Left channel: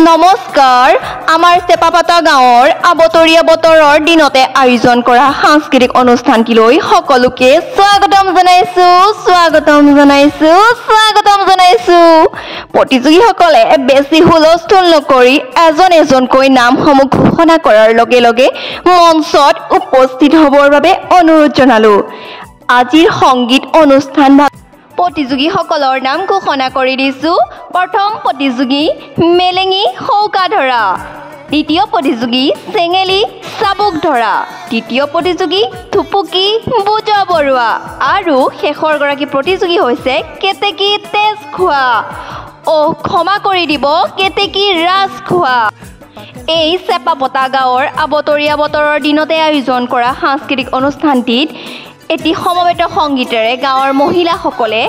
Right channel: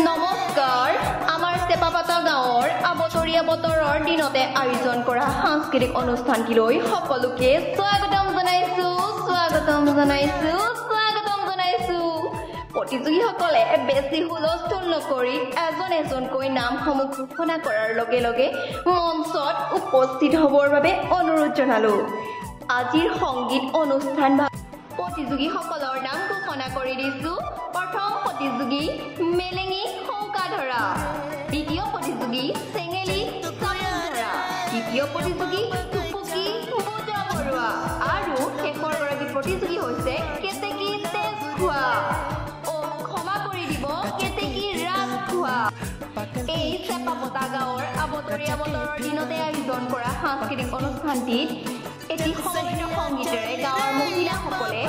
নমস্কাৰ আমাৰ চেপাপাতা গাঁৱৰ আবতৰীয়া বতৰৰ দিনতে আয়োজন কৰা সাংস্কৃতিক অনুষ্ঠানটিলৈ সকলোকে স্বাগতম জনাইছো প্ৰতিযোগীসকলে বেছি হুলস্থুল নকৰি এজনকৈ নামসমূহ ঘোষণা কৰাৰ লগে লগে মঞ্চত উপস্থিত হ'বৰ বাবে অনুৰোধ জনালো আজিৰ সংগীত অনুষ্ঠান প্ৰতিযোগীসকলৰ নাম ঘোষণা কৰি দিছো প্ৰথম প্ৰতিযোগী মেলেঙি সৌকাধৰা দ্বিতীয় প্ৰতিযোগী চেঙেলি চাবুক ধৰা তৃতীয় প্ৰতিযোগী থুপুকি বুজা বৰুৱা আৰু শেষৰ গৰাকী প্ৰতিযোগী হৈছে কেতেকী তেজ খোৱা ক্ষমা কৰি দিব কেতেকী ৰাজ খোৱা এই চেপাপতা গাঁৱৰ আবতৰীয়া বতৰৰ দিনতে আয়োজন কৰা সাংস্কৃতিক অনুষ্ঠানটিত এটি সমবেত সংগীতেৰে গাঁৱৰ মহিলাসকলে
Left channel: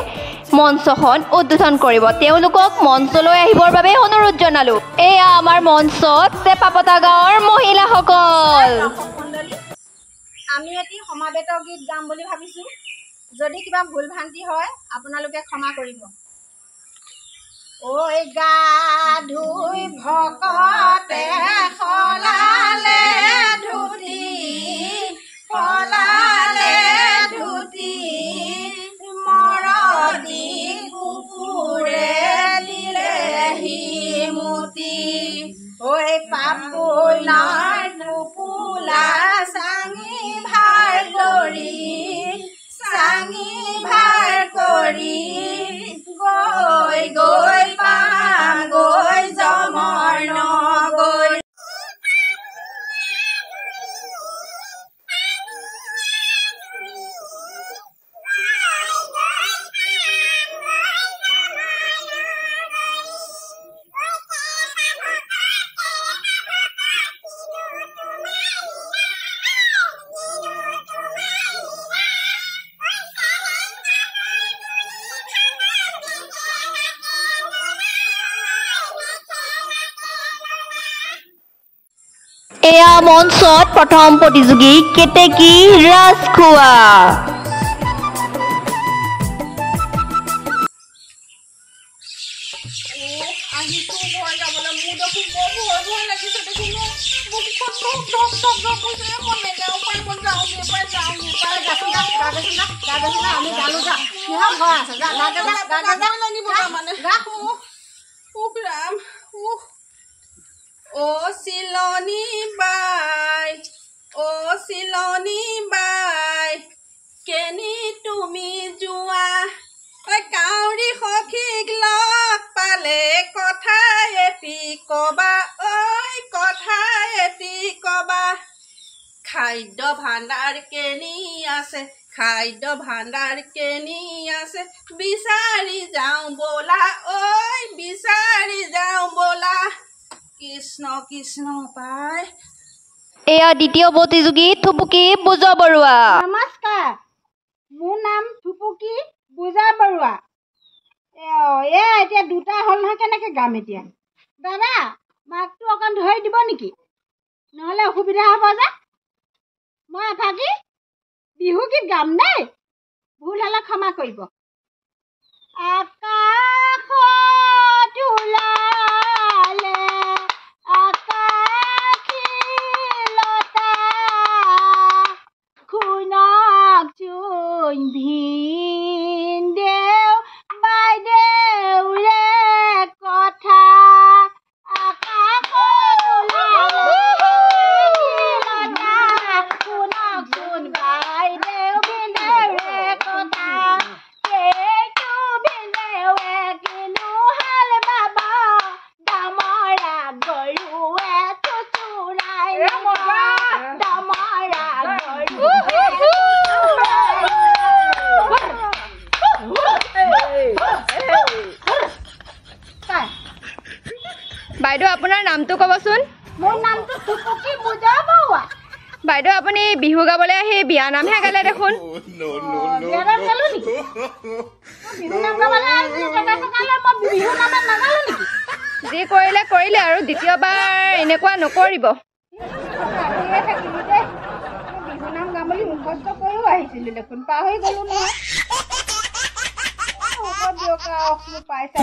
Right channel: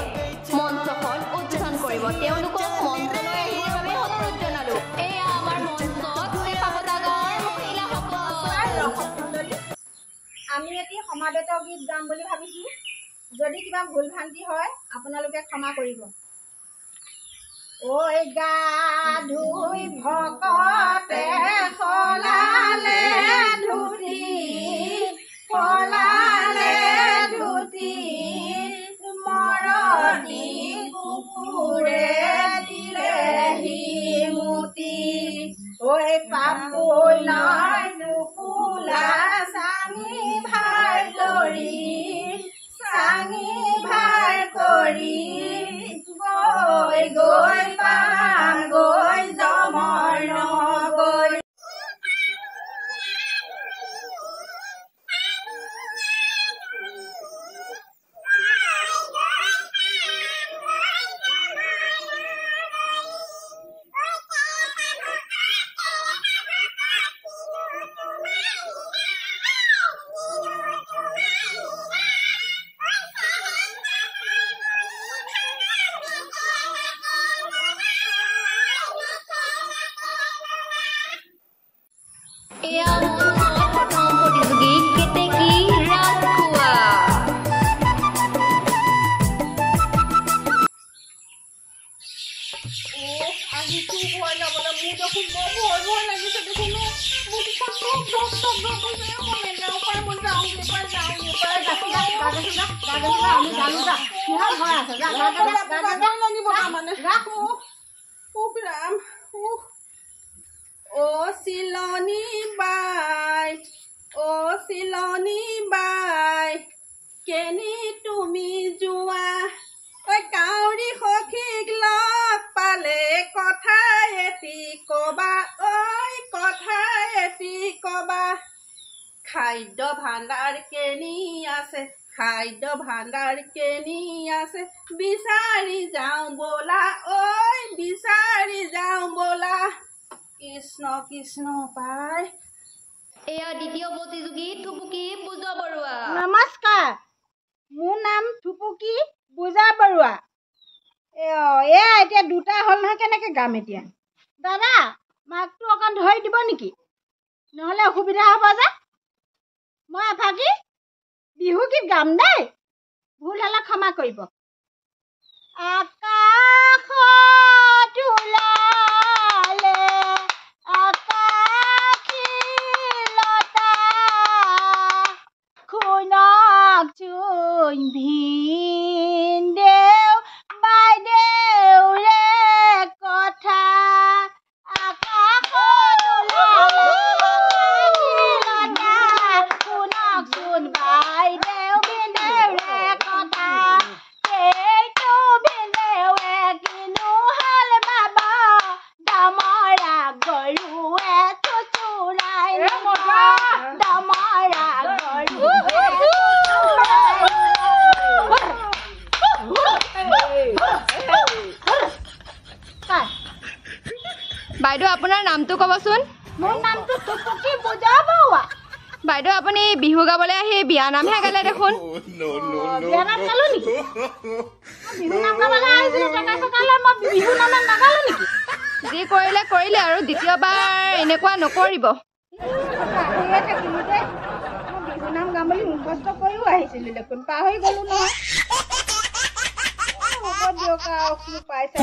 মঞ্চখন উদ্বোধন কৰিব তেওঁলোকক মঞ্চলৈ আহিবৰ বাবে অনুৰোধ জনালো এয়া আমাৰ মঞ্চত চেপাপতা গাঁৱৰ মহিলাসকল আমি এটি সমাবেত গীত গাম বুলি ভাবিছো যদি কিবা ভুল ভ্ৰান্তি হয় আপোনালোকে ক্ষমা কৰিব ঐ গা ধুই ভকতে খলালে ধুতি ফলালে ধুতি মৰদি কুকুৰে দিলেহি মুতি ঐ পাপুলাৰ নুপুলা চাঙি ভাৰ কৰি গৈ পাম গৈ জমৰ নগৈ এয়া মঞ্চত প্ৰথম প্ৰতিযোগী কেতেকী ৰাজ খোৱা চিলনী বাই কেনি তুমি যোৱা ঐ কাউৰী সখীক লগ পালে কথা এটি কবা খাদ্য ভাণ্ডাৰ কেনি আছে বিচাৰি যাওঁ বোলা কৃষ্ণ কৃষ্ণ পাই এয়া দ্বিতীয় প্ৰতিযোগী থুপুকি বুজা বৰুৱা নমস্কাৰ মোৰ নাম থুপুকি বুজা বৰুৱা এতিয়া দুটা হ'ল নহয় কেনেকৈ গাম এতিয়া দাদা মাকটো অকণ ধৰি দিব নেকি নহ'লে অসুবিধা হ'ব যে মই এফাকি বিহু গীত গাম দেই ভুল হ'লে ক্ষমা কৰিব আকাশত ওলালে ভিনদেউ বাইদেউ ৰে কথা শুনকচোন বাইদেউ ভিনদেউ ৰে কথা এইটো ভিনদেউৱে কিনো হাল বাব দমৰা গৰুৱে চুচুৰাই দমৰা গৰুৱে বাইদেউ আপোনাৰ নামটো ক'বচোন মোৰ নামটো থুপুকি বুজা বৰুৱা বাইদেউ আপুনি বিহু গাবলৈ আহি বিয়া নামহে গালে দেখোন যি কৰিলে আৰু দ্বিতীয়বাৰ এনেকুৱা নকৰিব নাম গাম বুলি মুখস্থ কৰিও আহিছিলো দেখোন পাহৰি গলো নহয় পাইছা